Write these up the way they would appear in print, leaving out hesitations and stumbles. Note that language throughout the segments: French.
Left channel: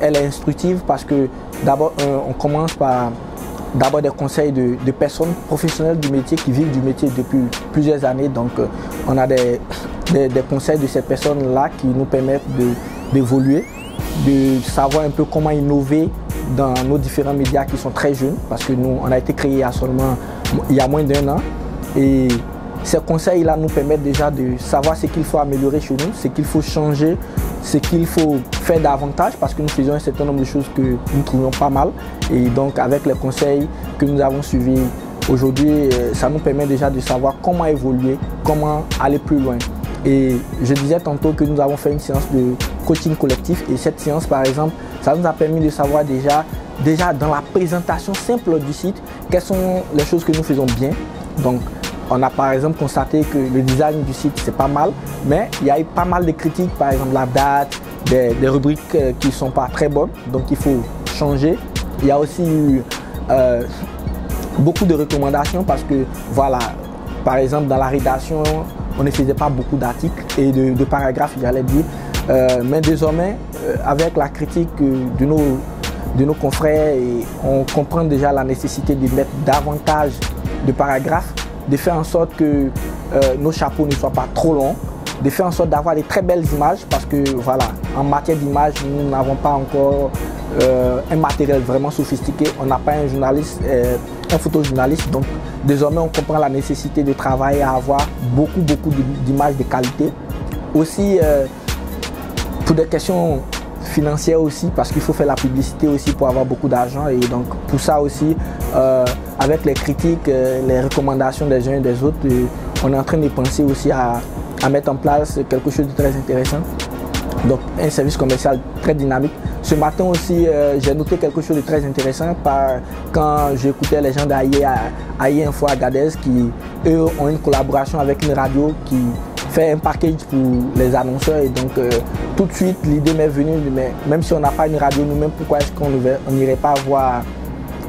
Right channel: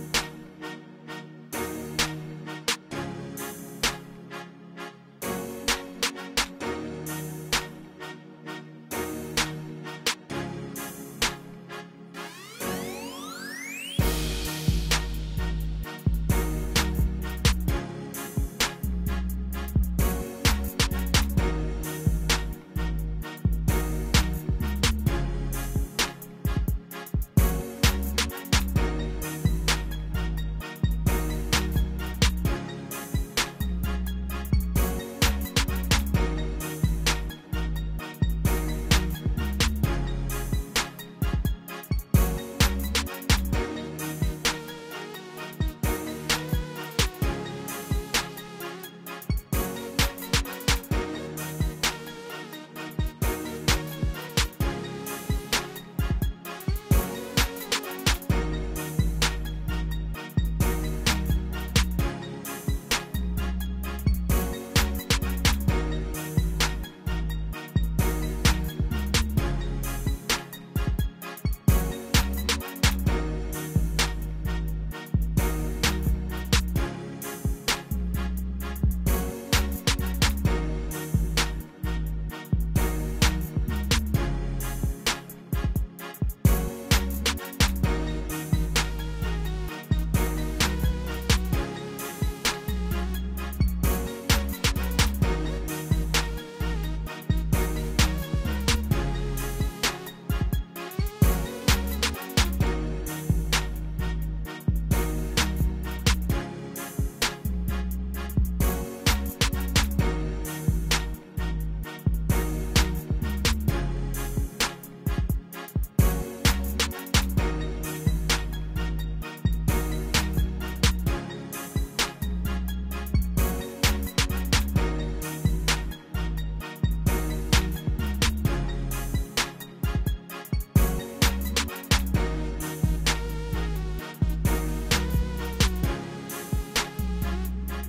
elle est instructive parce que d'abord, on commence par d'abord des conseils de personnes professionnelles du métier qui vivent du métier depuis plusieurs années. Donc, on a des conseils de ces personnes-là qui nous permettent d'évoluer, de savoir un peu comment innover dans nos différents médias qui sont très jeunes, parce que nous, on a été créé il y a moins d'un an. Et ces conseils-là nous permettent déjà de savoir ce qu'il faut améliorer chez nous, ce qu'il faut changer, ce qu'il faut faire davantage, parce que nous faisons un certain nombre de choses que nous trouvions pas mal. Et donc, avec les conseils que nous avons suivis aujourd'hui, ça nous permet déjà de savoir comment évoluer, comment aller plus loin. Et je disais tantôt que nous avons fait une séance de coaching collectif. Et cette séance, par exemple, ça nous a permis de savoir déjà dans la présentation simple du site, quelles sont les choses que nous faisons bien. Donc, on a par exemple constaté que le design du site, c'est pas mal, mais il y a eu pas mal de critiques, par exemple la date, des rubriques qui ne sont pas très bonnes, donc il faut changer. Il y a aussi eu beaucoup de recommandations parce que, voilà, par exemple dans la rédaction, on ne faisait pas beaucoup d'articles et de paragraphes, j'allais dire. Mais désormais, avec la critique de nos confrères, on comprend déjà la nécessité de mettre davantage de paragraphes, de faire en sorte que nos chapeaux ne soient pas trop longs, de faire en sorte d'avoir des très belles images parce que voilà, en matière d'image, nous n'avons pas encore un matériel vraiment sophistiqué. On n'a pas un journaliste, un photojournaliste, donc désormais on comprend la nécessité de travailler à avoir beaucoup d'images de qualité. Aussi pour des questions financières aussi, parce qu'il faut faire la publicité aussi pour avoir beaucoup d'argent, et donc pour ça aussi, avec les critiques, les recommandations des uns et des autres, on est en train de penser aussi à mettre en place quelque chose de très intéressant. Donc un service commercial très dynamique. Ce matin aussi, j'ai noté quelque chose de très intéressant quand j'écoutais les gens d'AI Info Agadez qui, eux, ont une collaboration avec une radio qui fait un package pour les annonceurs. Et donc, tout de suite, l'idée m'est venue, mais même si on n'a pas une radio nous-mêmes, pourquoi est-ce qu'on n'irait pas voir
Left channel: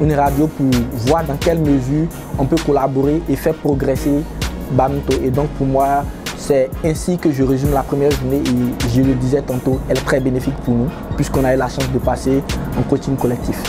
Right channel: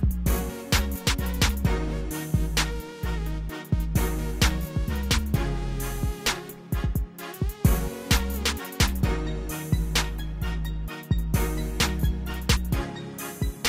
une radio pour voir dans quelle mesure on peut collaborer et faire progresser Banuto. Et donc, pour moi, c'est ainsi que je résume la première journée, et je le disais tantôt, elle est très bénéfique pour nous puisqu'on a eu la chance de passer en coaching collectif.